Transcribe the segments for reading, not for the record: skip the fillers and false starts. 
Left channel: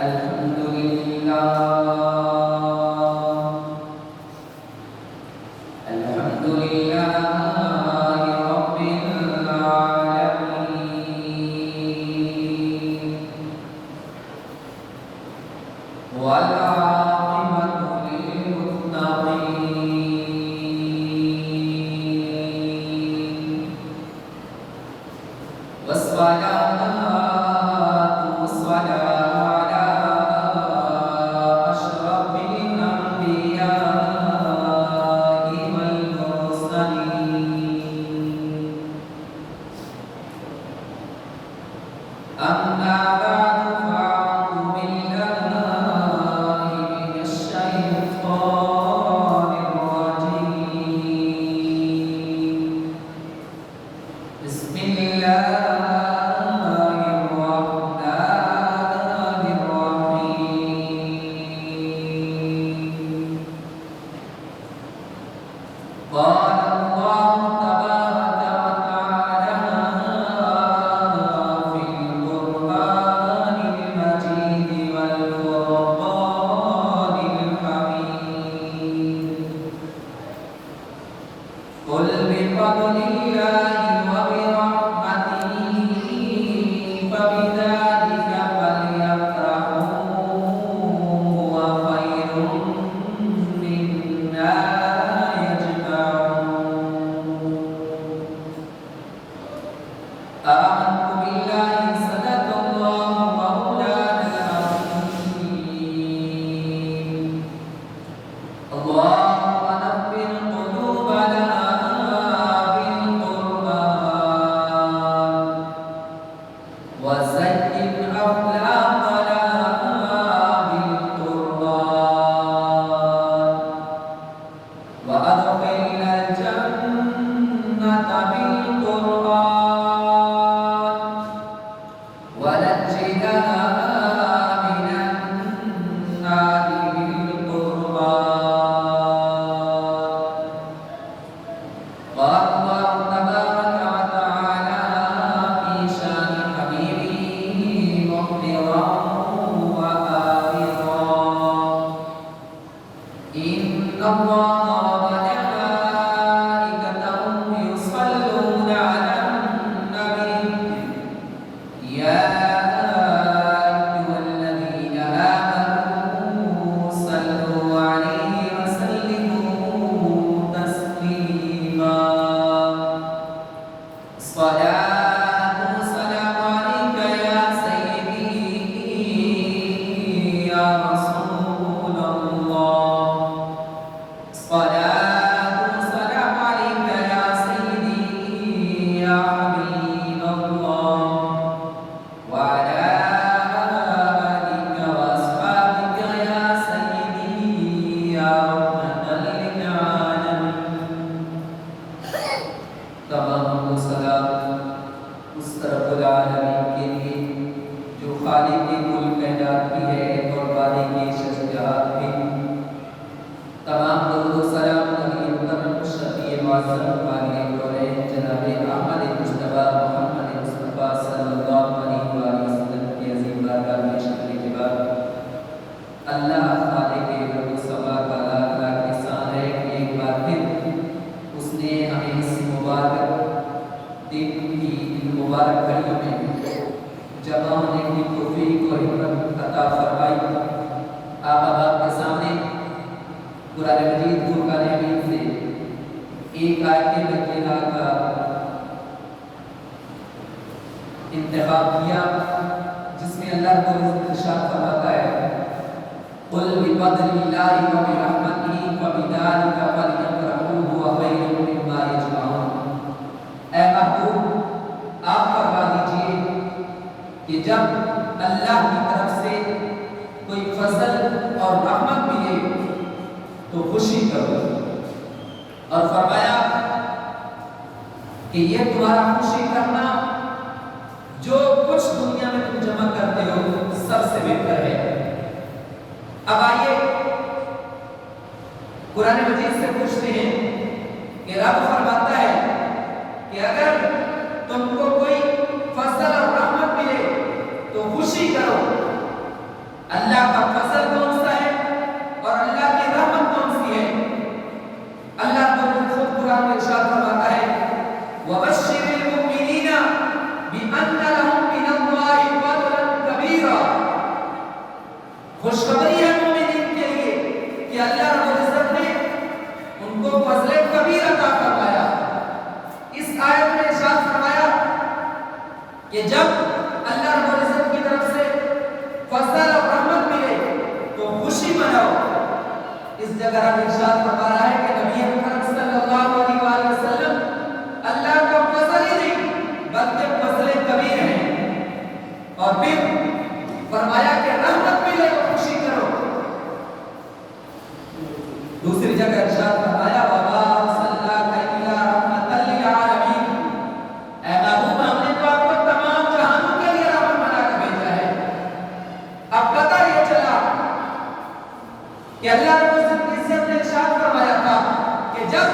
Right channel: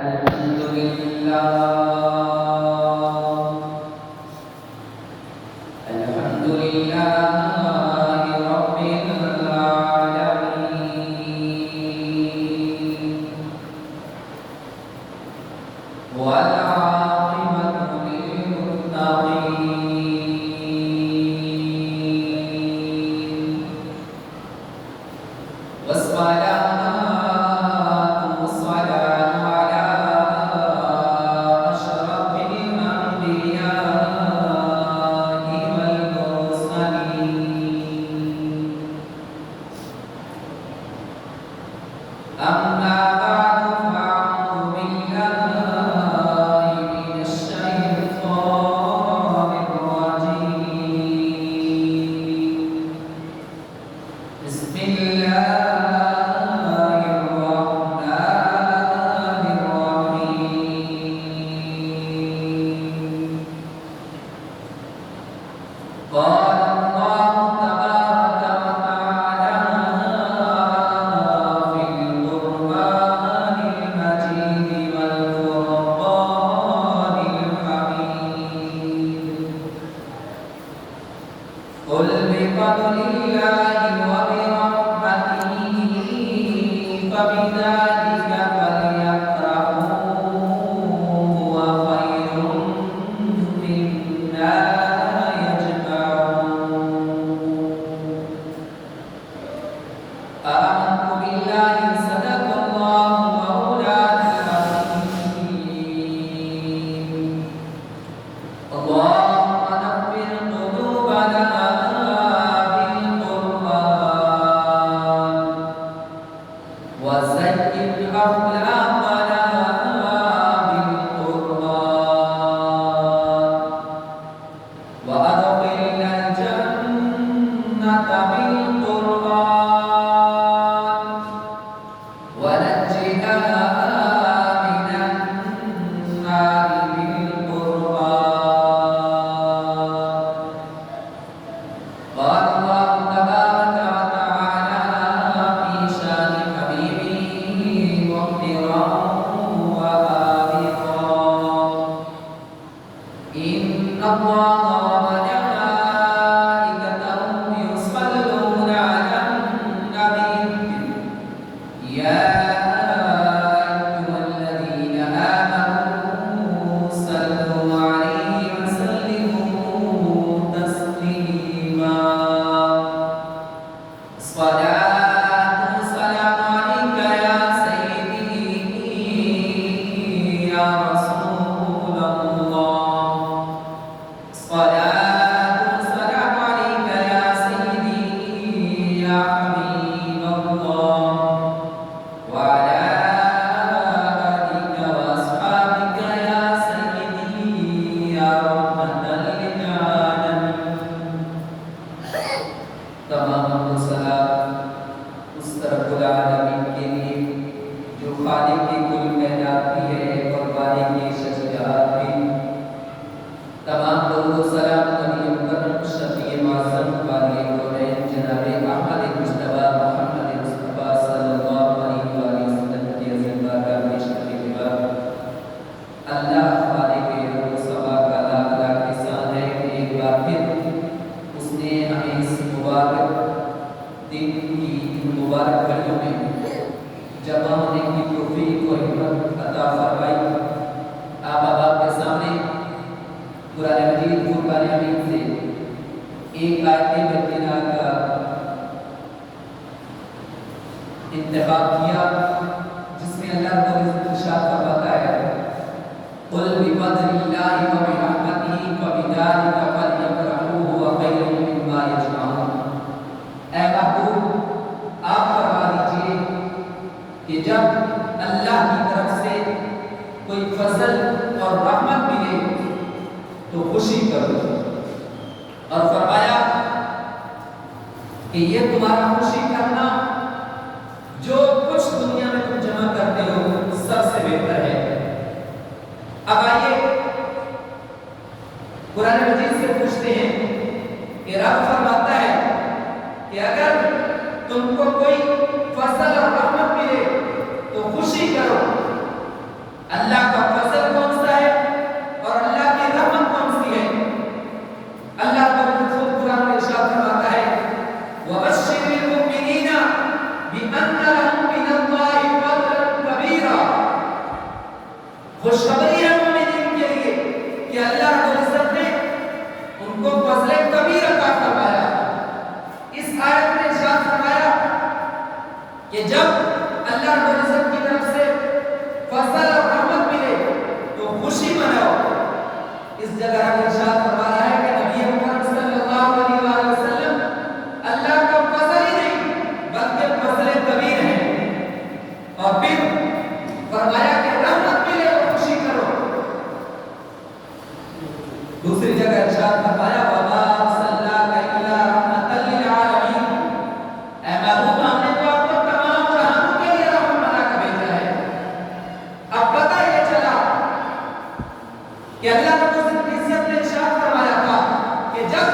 الحمد لله الحمد لله رب العالمين والعاقبة للمتقين والسلام والسلام على أشرف الأنبياء والمرسلين أما بعد فأعوذ بالله من الشيطان الرجيم بسم الله الرحمن الرحيم قال الله تبارك وتعالى في القرآن المجيد والفرقان الحميد قل بفضل الله وبرحمته فبذلك فليفرحوا هو خير مما يجمعون آمنت بالله صدق الله مولانا العظيم اللهم نور قلوبنا بالقرآن وزين أخلاقنا بالقرآن وأدخلنا الجنة بالقرآن ونجنا من النار بالقرآن قال الله تبارك وتعالى في شان حبيبه مخبرا وآمرا إن الله وملائكته يصلون على النبي يا أيها الذين آمنوا صلوا عليه وسلموا تسليما الصلاة والسلام عليك يا سيدي يا رسول الله الصلاة والسلام عليك يا سيدي يا حبيب الله وعلى آلك وأصحابك يا سيدي يا رحمة للعالمين تمام الصلاة اس رب العالمین کے لیے جو خالق کل کائنات بھی ہے اور مالک شجاعت بھی تمام درود و سلام نبی مکرم شفیع معظم قابل کونین جناب احمد مجتبی محمد مصطفیٰ صلی اللہ علیہ وآلہ وسلم کی عظیم بارگاہ میں پیش کرنے کے بعد اللہ خالق رب و سما کا لاکھ لاکھ احسان ہے کہ ایک بار پھر اس نے ہمیں اس مبارک دن کی ان مبارک گھڑیوں میں جمع ہونے کی توفیق اور ہمت عطا فرمائی آپ احباب کے سامنے قرآن مجید فرقان حمید سے ایک آیت بینہ کا انتخاب کیا جس میں اللہ رب العزت ارشاد فرماتا ہے قل بفضل اللہ وبرحمتہ فبذلک فلیفرحوا هو خیر مما یجمعون اے محبوب آپ فرما دیجئے کہ جب اللہ کی طرف سے کوئی فضل اور رحمت ملے تو خوشی کرو اور فرمایا کہ یہ تمہارا خوشی کرنا جو کچھ دنیا میں تم جمع کرتے ہو سب سے بہتر ہے اب آئیے قرآن مجید سے پوچھتے ہیں کہ رب فرماتا ہے کہ اگر تم کو کوئی فضل اور رحمت ملے تو خوشی کرو اللہ کا فضل کون سا ہے اور اللہ کی رحمت کون سی ہے؟ اللہ خود قرآن میں ارشاد فرماتا ہے وَبَشِّرِ الْمُؤْمِنِينَ بِأَنَّ لَهُم مِّنَ اللَّهِ فَضْلًا كَبِيرًا، خوشخبری ہے مومنین کے لیے کہ اللہ رب العزت نے ان کو فضل کبیر عطا فرمایا۔ اس آیت میں ارشاد فرمایا کہ جب اللہ رب العزت کی طرف سے فضل اور رحمت ملے تو خوشی مناؤ۔ اس جگہ رب ارشاد فرما رہا ہے کہ نبی محمد صلی اللہ علیہ وآلہ وسلم اللہ کا فضل ہی نہیں بلکہ فضل کبیر ہے، اور پھر فرمایا کہ رحمت ملے اور خوشی کرو۔ دوسری جگہ ارشاد فرمایا وَمَا أَرْسَلْنَاكَ إِلَّا رَحْمَةً لِّلْعَالَمِينَ، اے محبوب ہم نے تو آپ کو تمام جہانوں کے لیے رحمت بنا کر بھیجا ہے۔ اب پتہ یہ چلا کہ اللہ رب العزت نے ارشاد فرمایا تھا کہ جب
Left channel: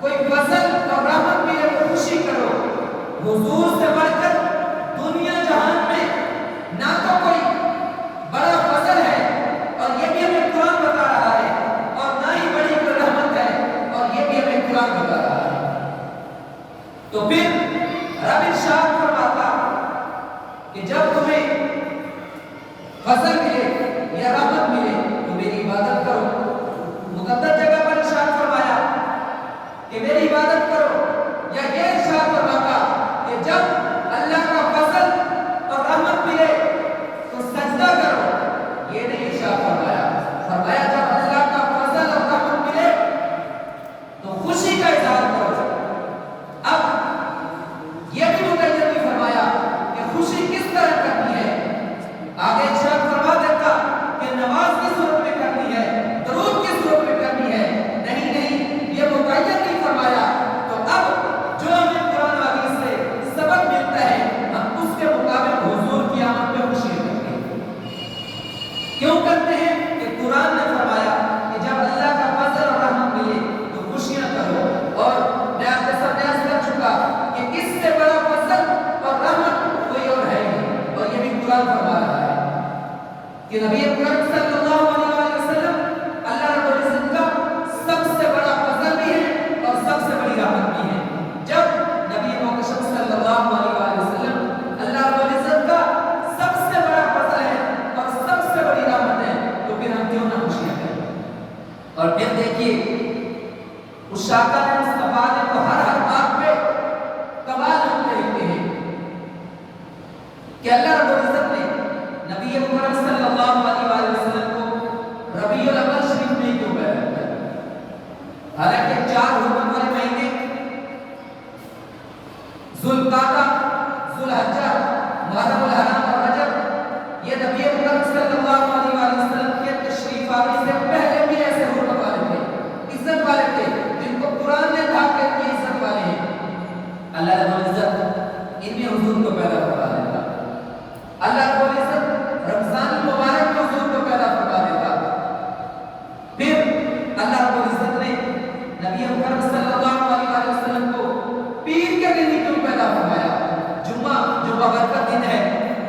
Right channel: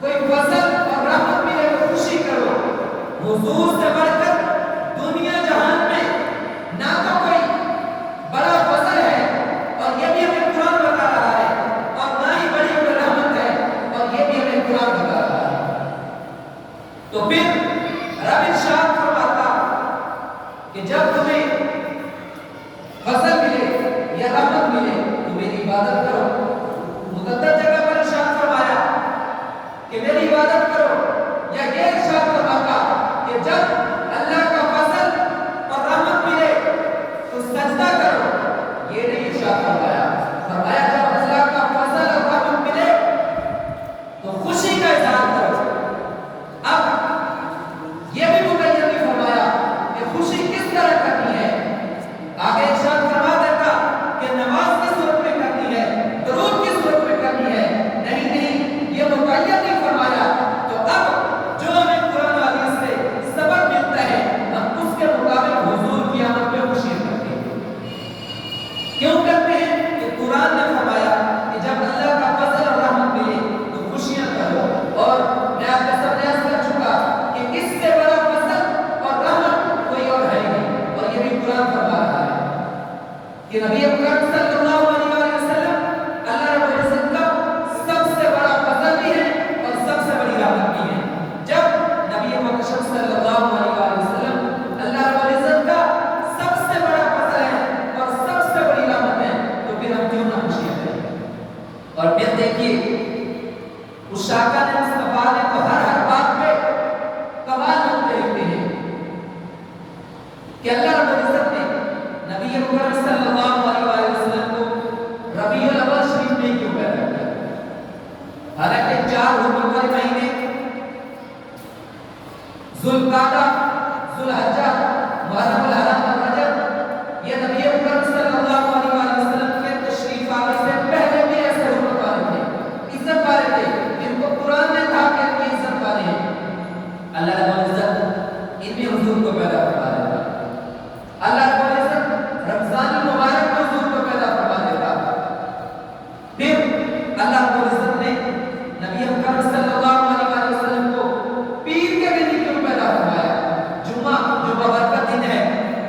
کوئی فضل اور رحمت ملے تو خوشی کرو۔ حضور سے بڑھ کر دنیا جہان میں نہ تو کوئی بڑا فضل ہے، اور یہ بھی ہمیں قرآن بتا رہا ہے، اور نہ ہی بڑی کوئی رحمت ہے، اور یہ بھی ہمیں قرآن بتا رہا ہے۔ تو پھر رب ارشاد فرماتا کہ جب تمہیں فضل ملے یا رحمت ملے تو میری عبادت کرو۔ مقدس جگہ پر ارشاد فرمایا کہ میری عبادت کرو، یا یہ ارشاد فرماتا کہ جب اللہ کا فضل اور رحمت ملے تو سجدہ کرو، یہ نہیں ارشاد فرمایا۔ فرمایا جب اللہ کا فضل اور رحمت ملے تو خوشی کا اظہار کرو۔ اب یہ بھی مقید نہیں فرمایا کہ خوشی کس طرح کرنی ہے۔ آگے ارشاد فرما دیتا کہ نماز کس صورت میں کرنی ہے، درود کس صورت میں کرنی ہے، نہیں یہ مقید نہیں فرمایا۔ تو اب جو ہمیں قرآن و حدیث سے سبق ملتا ہے ہم اس کے مطابق حضور کی آمد پہ خوشی کرتے ہیں۔ کیوں کرتے ہیں؟ کہ قرآن نے فرمایا کہ جب اللہ کا فضل اور رحمت ملے تو خوشیاں کرو، اور میں آپ کے سامنے عرض کر چکا کہ اس سے بڑا فضل اور رحمت کوئی اور ہے نہیں، اور یہ بھی قرآن فرما رہا ہے کہ نبی اکرم صلی اللہ علیہ وسلم اللہ رب العزت کا سب سے بڑا فضل بھی ہے اور سب سے بڑی رحمت بھی ہے۔ جب نبی محمد صلی اللہ علیہ وسلم اللہ رب العزت کا سب سے بڑا فضل ہے اور سب سے بڑی رحمت ہے تو پھر ہم کیوں نہ خوشیاں کریں؟ اور پھر دیکھیے عشاقہ نے مصطفیٰ نے تو ہر بات پہ کمال کرتے رہتے ہیں کہ اللہ رب العزت نے نبی محمد صلی اللہ علیہ وسلم کو ربیع الاول شریف میں کیوں پیدا کیا؟ حالانکہ 4 حرمت والے مہینے ذوالقعدہ، ذوالحجہ، محرم الحرام اور رجب یہ نبی محمد صلی اللہ علیہ وسلم کے تشریف آنے سے پہلے بھی ایسے حرمت والے تھے، عزت والے تھے، جن کو قرآن نے کہا کہ یہ عزت والے ہیں۔ اللہ رب العزت ان میں حضور کو پیدا فرما دیتا۔ اللہ رب العزت رمضان المبارک میں حضور کو پیدا فرما دیتا۔ پھر اللہ رب العزت نے نبی محمد صلی اللہ علیہ وسلم کو پیر کے دن ہی کیوں پیدا فرمایا؟ جمعہ جو بابرکت دن ہے،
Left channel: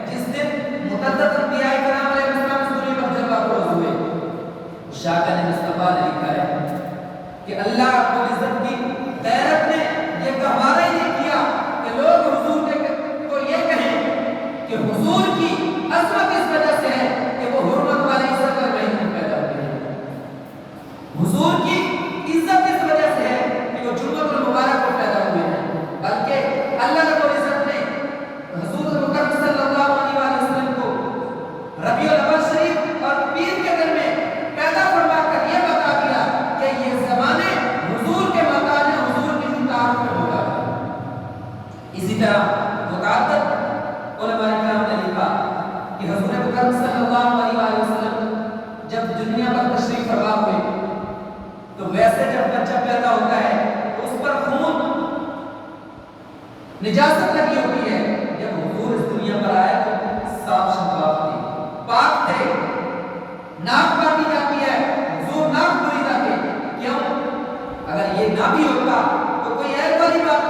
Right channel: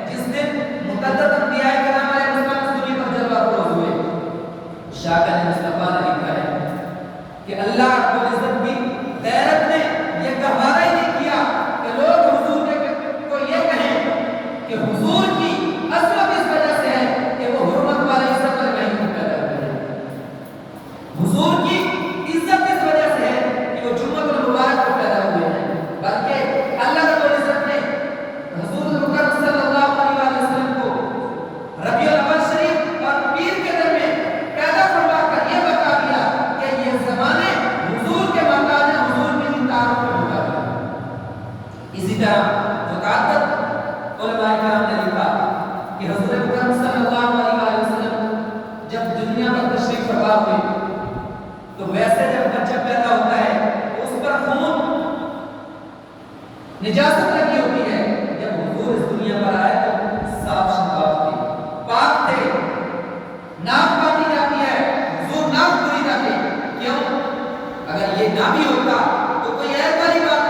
جس دن متعدد انبیاء کرام علیہ السلام سوری پر جلوہ فروز ہوئے۔ شاکر نے مصطفیٰ نے لکھا ہے کہ اللہ رب العزت کی غیرت نے یہ گوارا ہی نہیں کیا کہ لوگ حضور کو یہ کہیں کہ حضور کی عظمت اس وجہ سے ہے کہ وہ حرمت والے عزت والے مہینے میں پیدا ہوئے ہیں، حضور کی عزت اس وجہ سے ہے کہ وہ جمعہ المبارک کو پیدا ہوئے ہیں، بلکہ اللہ رب العزت نے حضور مکرم صلی اللہ علیہ وسلم کو ربیع الاول شریف اور پیر کے دن میں پیدا فرما کر یہ بتا دیا کہ یہ زمانے حضور کے مکان ہیں، حضور کی تعارف پر ہوگا۔ اسی طرح متعدد علماء کرام نے لکھا کہ حضور مکرم صلی اللہ علیہ وسلم جب دنیا پر تشریف فرما ہوئے تو ویسے جب بچہ پیدا ہوتا ہے تو اس پر خون نجاست لگی ہوتی ہے، جب حضور اس دنیا پر آئے تو صاف شفاف تھے، پاک تھے، ناک کاٹی جاتی ہے، حضور ناک بری جاتے، کیوں؟ اگر یہ نہ بھی ہوتا تو کوئی ایک والی بات